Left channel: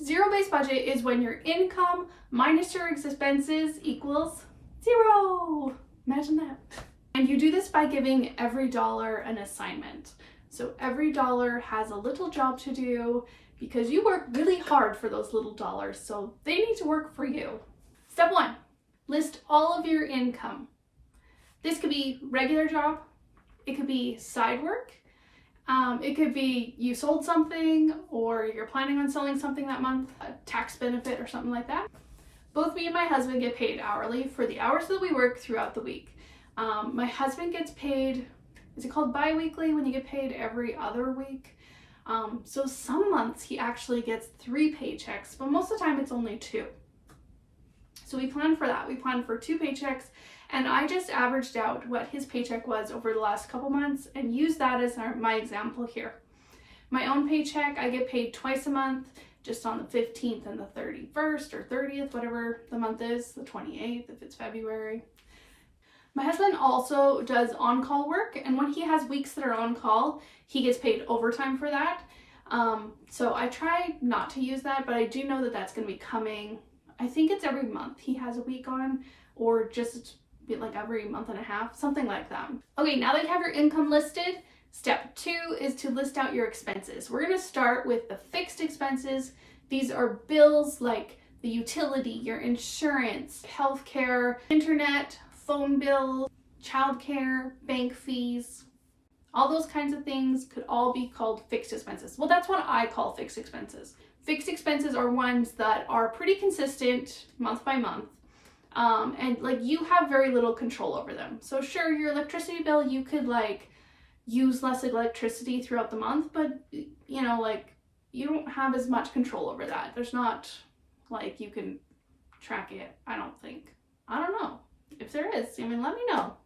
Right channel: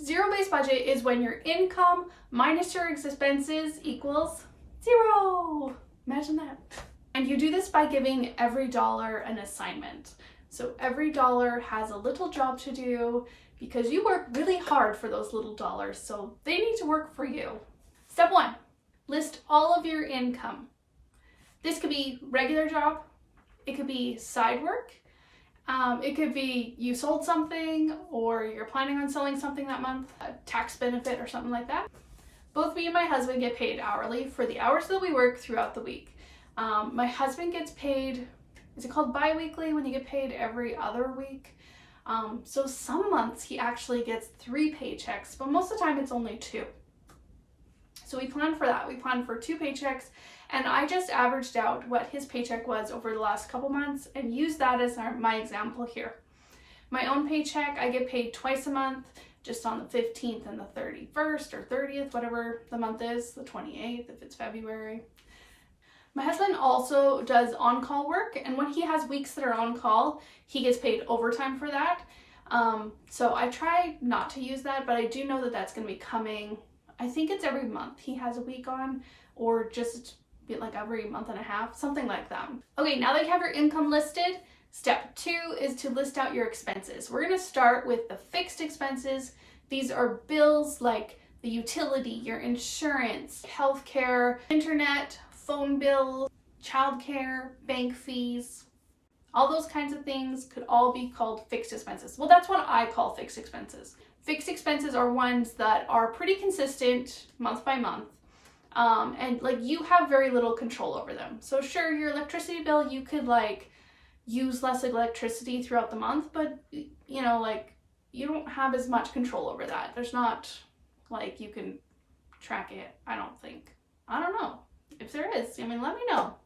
Zero-based budget is when your income minus your expenses equals zero. Imagine that. And you do this by giving every dollar an assignment. So every dollar has a little job to do because you work really hard for those little dollars, so they need to work for you. Step 1, list all of your income. This could be regular job, it could be side work, it could be you sold something or you're planning on selling something that month, a tax benefit or something like that. Both me and my husband get paid hourly for the hours that we work throughout the week. My husband gets paid, is it called bi-weekly when you get paid every other week? So some months he actually gets 3 paychecks, but most of the time it's only 2. So we plan for that. We plan for 2 paychecks, and I just averaged out what his paycheck was over the last couple months and used that as my example here. My own paycheck, I get paid twice a month, just on the 15th and the 31st or 30th, whatever the month is, the 28th if it's February. My husband also does on-call work, and when he has weeks that are on call, he gets paid overtime for that. So I try not to use that, but I do know that that's going to be coming. I think it's every month he has a week on, or just like every month and a half, something like that. Okay, now that you have your income listed, step 2 is to list out your expenses. We're going to start with the fixed expenses. These are bills like the utility, your insurance, healthcare, internet, phone bills, childcare, bank fees, all those kinds of things could all be called fixed expenses. Well, that's what I call fixed expenses. Fixed expenses are ones that are pretty consistent month by month, and like you have very little control over them. So sure, your electricity bill, you could like use less electricity throughout the month, but you know, like you don't have as much control over that. There's not like you can track it, I don't think. I don't know. If there is, I mean, let me know.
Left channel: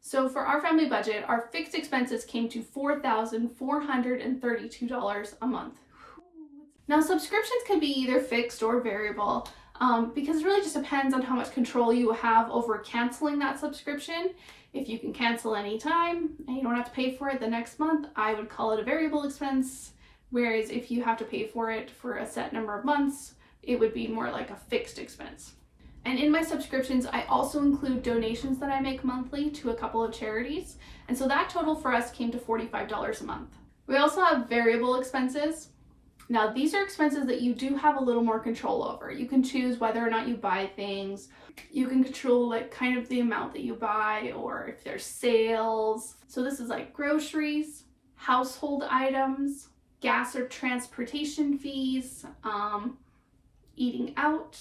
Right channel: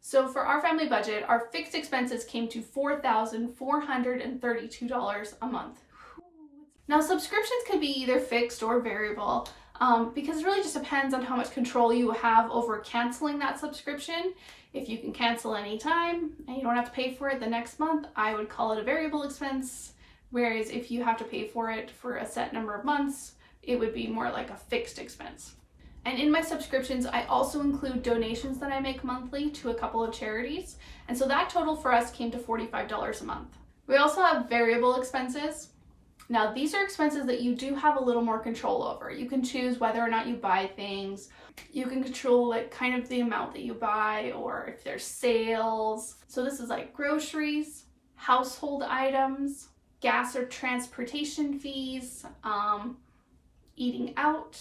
So for our family budget, our fixed expenses came to $4,432 a month. Now, subscriptions can be either fixed or variable because it really just depends on how much control you have over canceling that subscription. If you can cancel anytime and you don't have to pay for it the next month, I would call it a variable expense. Whereas if you have to pay for it for a set number of months, it would be more like a fixed expense. And in my subscriptions, I also include donations that I make monthly to a couple of charities. And so that total for us came to $45 a month. We also have variable expenses. Now, these are expenses that you do have a little more control over. You can choose whether or not you buy things. You can control like kind of the amount that you buy or if there's sales. So this is like groceries, household items, gas or transportation fees, eating out,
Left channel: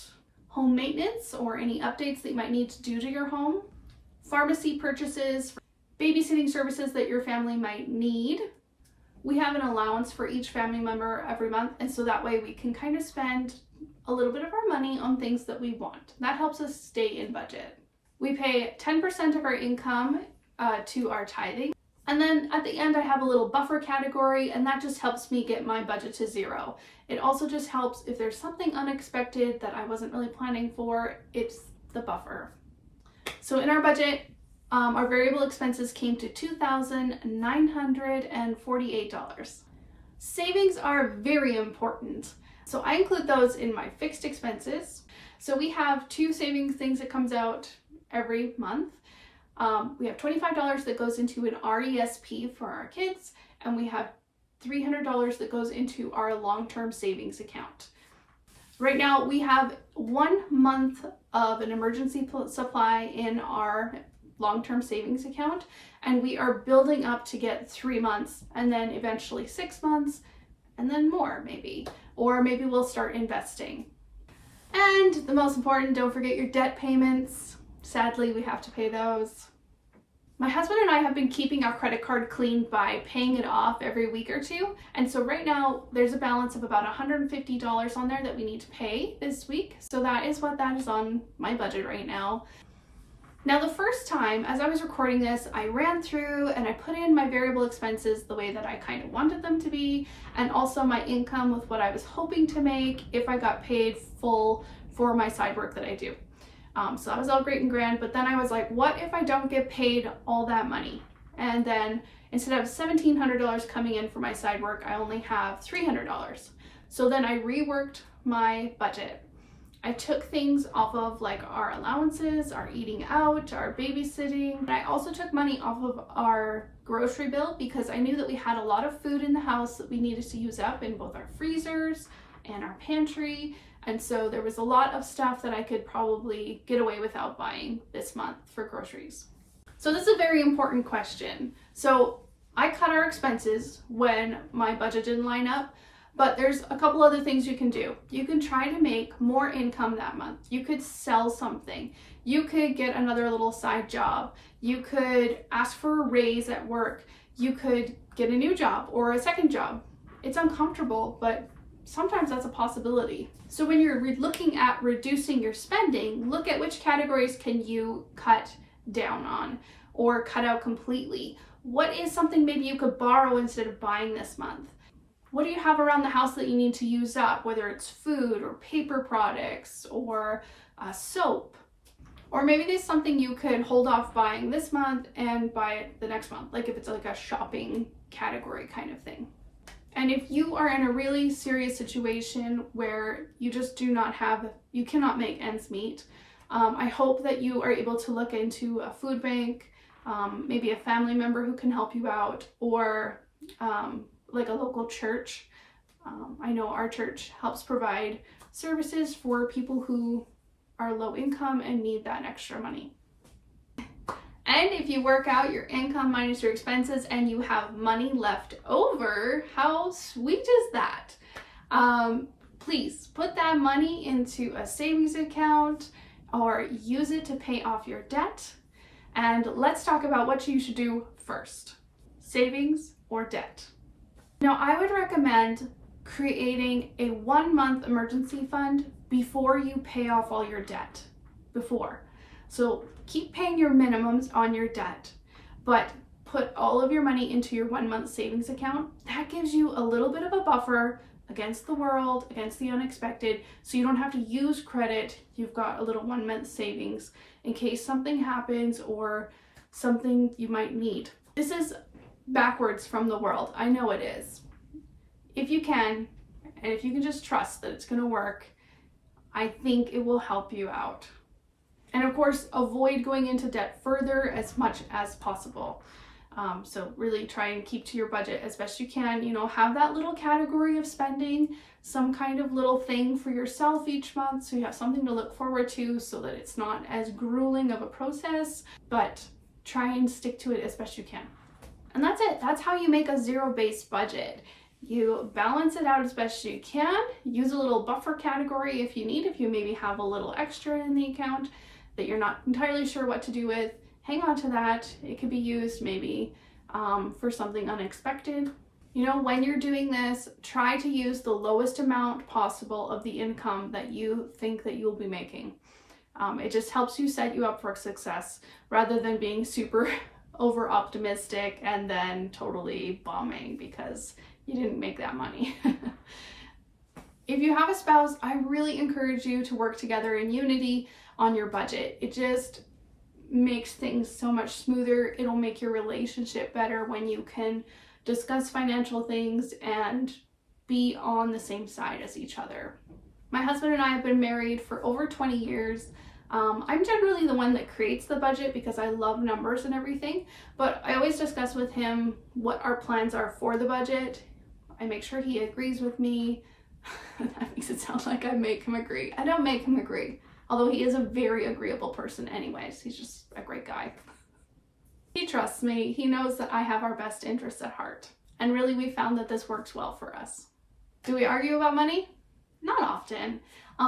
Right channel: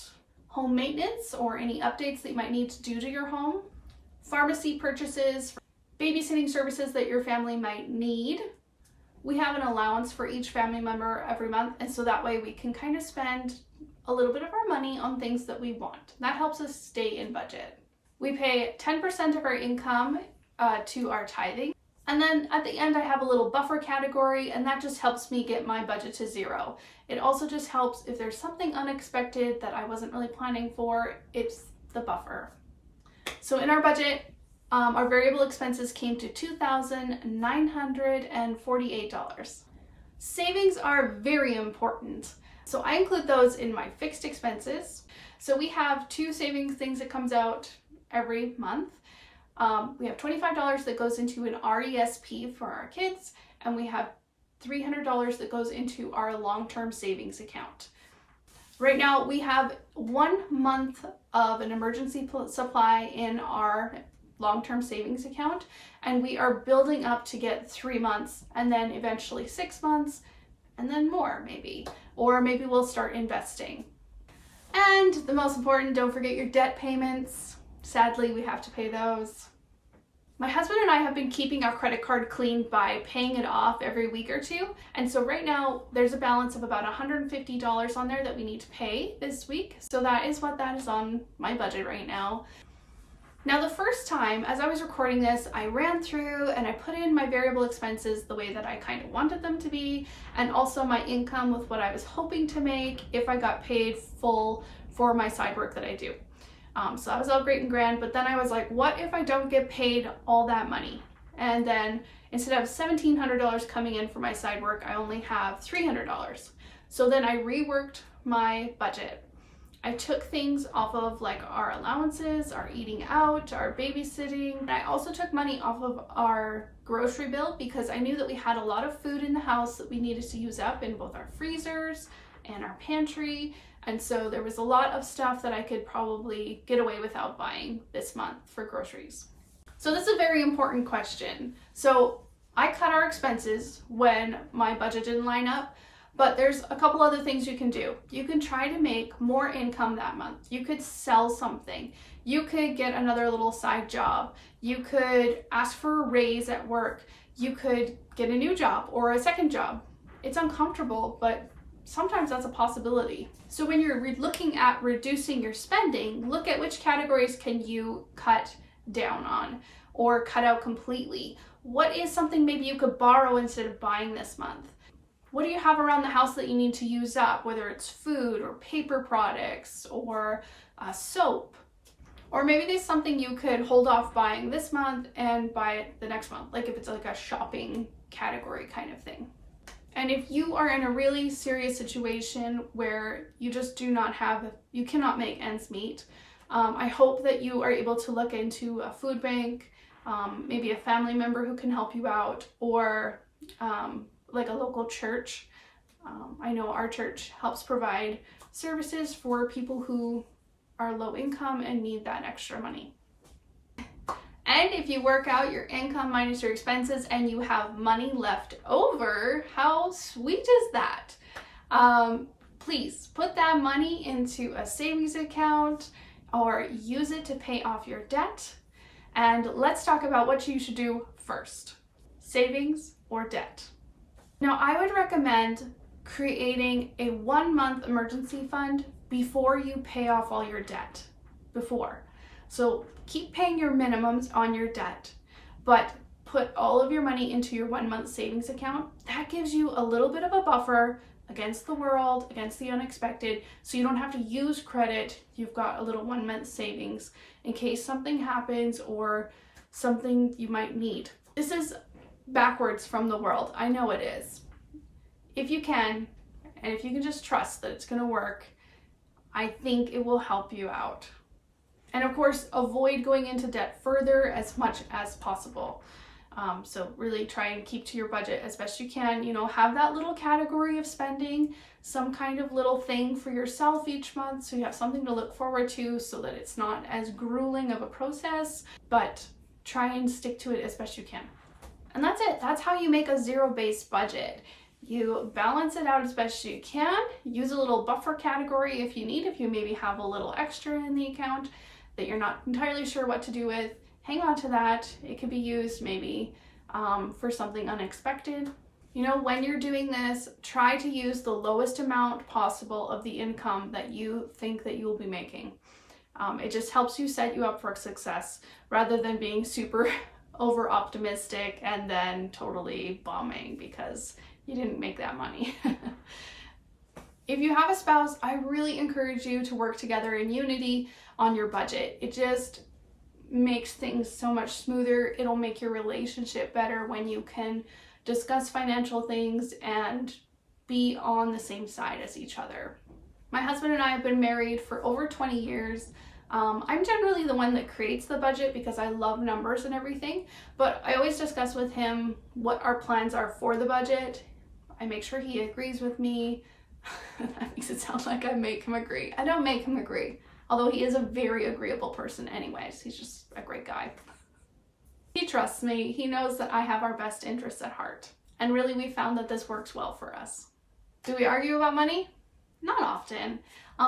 home maintenance or any updates that you might need to do to your home, pharmacy purchases, babysitting services that your family might need. We have an allowance for each family member every month, and so that way we can kind of spend a little bit of our money on things that we want. That helps us stay in budget. We pay 10% of our income to our tithing. And then at the end, I have a little buffer category, and that just helps me get my budget to zero. It also just helps if there's something unexpected that I wasn't really planning for, it's the buffer. So in our budget, our variable expenses came to $2,948. Savings are very important. So I include those in my fixed expenses. So we have 2 savings things that comes out every month. We have $25 that goes into an RESP for our kids, and we have $300 that goes into our long-term savings account. Right now, we have 1 month of an emergency supply in our long-term savings account, and we are building up to get 3 months, and then eventually 6 months, and then more maybe, or maybe we'll start investing. And the most important, don't forget your debt payments. Sadly, we have to pay those. My husband and I have been keeping our credit card clean by paying it off every week or 2. And so right now there's a balance of about $150 on there that we need to pay this week. So that is what that is on my budget right now. Now, the first time as I was recording this, I ran through and I put in my variable expenses the way that I kind of wanted them to be, and also my income with what I was hoping to make if I got paid full for my side work that I do. So that was all great and grand, but then I was like, what if I don't get paid all that money? And then instead of $1,700 coming in for my side work, I only have $300. So then I reworked my budget. I took things off of like our allowances, our eating out, our babysitting. And I also took money off of our grocery bill because I knew that we had a lot of food in the house that we needed to use up in both our freezers and our pantry. And so there was a lot of stuff that I could probably get away without buying this month for groceries. So this is a very important question. So I cut our expenses when my budget didn't line up, but there's a couple other things you can do. You can try to make more income that month. You could sell something. You could get another little side job. You could ask for a raise at work. You could get a new job or a second job. It's uncomfortable, but sometimes that's a possibility. So when you're looking at reducing your spending, look at which categories can you cut down on or cut out completely. What is something maybe you could borrow instead of buying this month? What do you have around the house that you need to use up, whether it's food or paper products or soap? Or maybe there's something you could hold off buying this month and buy it the next month, like if it's like a shopping category kind of thing. And if you are in a really serious situation where you just you cannot make ends meet, I hope that you are able to look into a food bank, maybe a family member who can help you out, or like a local church. I know our church helps provide services for people who are low income and need that extra money. And if you work out your income minus your expenses and you have money left over, how sweet is that? Please put that money into a savings account or use it to pay off your debt. And let's talk about what you should do first, savings or debt. Now, I would recommend creating a 1-month emergency fund before you pay off all your debt. So keep paying your minimums on your debt, but put all of your money into your 1-month savings account. That gives you a little bit of a buffer against the world, against the unexpected, so you don't have to use credit. You've got a little 1-month savings in case something happens or something you might need. This is backwards from the world. I know it is. If you can, and if you can just trust that it's going to work, I think it will help you out. And of course, avoid going into debt further as much as possible. So really try and keep to your budget as best you can. You know, have that little category of spending, some kind of little thing for yourself each month so you have something to look forward to so that it's not as grueling of a process, but try and stick to it as best you can. And that's it. That's how you make a zero-based budget. You balance it out as best you can. Use a little buffer category if you need, if you maybe have a little extra in the account that you're not entirely sure what to do with. Hang on to that. It could be used maybe for something unexpected. You know, when you're doing this, try to use the lowest amount possible of the income that you think that you'll be making. It just helps you set you up for success rather than being super over optimistic and then totally bombing because you didn't make that money. If you have a spouse, I really encourage you to work together in unity on your budget. It just makes things so much smoother. It'll make your relationship better when you can discuss financial things and be on the same side as each other. My husband and I have been married for over 20 years. I'm generally the one that creates the budget because I love numbers and everything, but I always discuss with him what our plans are for the budget. I make sure he agrees with me. That makes it sound like I make him agree. I don't make him agree, although he is a very agreeable person anyways. He's just a great guy. He trusts me. He knows that I have our best interests at heart. And really, we found that this works well for us. Do we argue about money? Not often.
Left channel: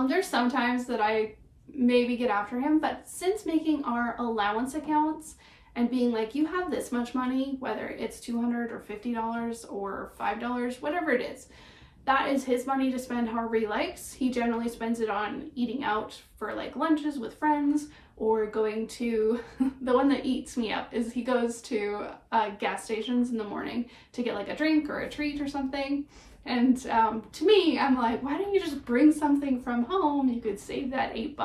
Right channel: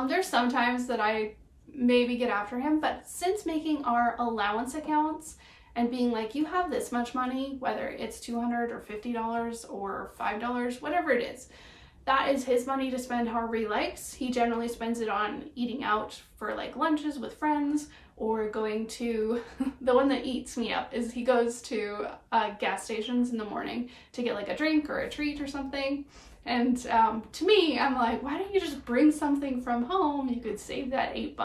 There's some times that I maybe get after him, but since making our allowance accounts and being like, you have this much money, whether it's $200 or $50 or $5, whatever it is, that is his money to spend however he likes. He generally spends it on eating out for like lunches with friends or going to, the one that eats me up is he goes to gas stations in the morning to get like a drink or a treat or something. And to me, I'm like, why don't you just bring something from home? You could save that $8.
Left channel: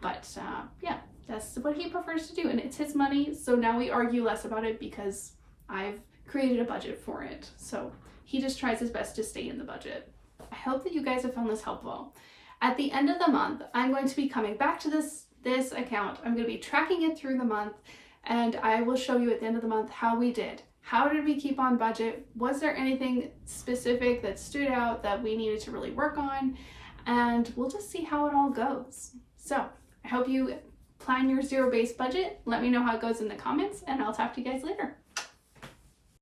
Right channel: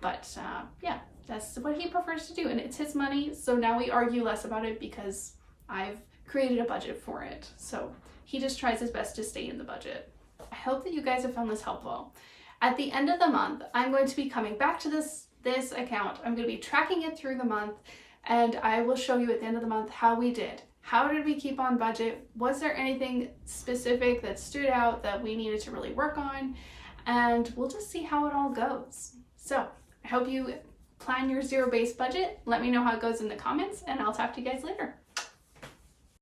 But yeah, that's what he prefers to do, and it's his money. So now we argue less about it because I've created a budget for it. So he just tries his best to stay in the budget. I hope that you guys have found this helpful. At the end of the month, I'm going to be coming back to this account. I'm going to be tracking it through the month, and I will show you at the end of the month how we did. How did we keep on budget? Was there anything specific that stood out that we needed to really work on? And we'll just see how it all goes. So I hope you plan your zero-based budget. Let me know how it goes in the comments, and I'll talk to you guys later.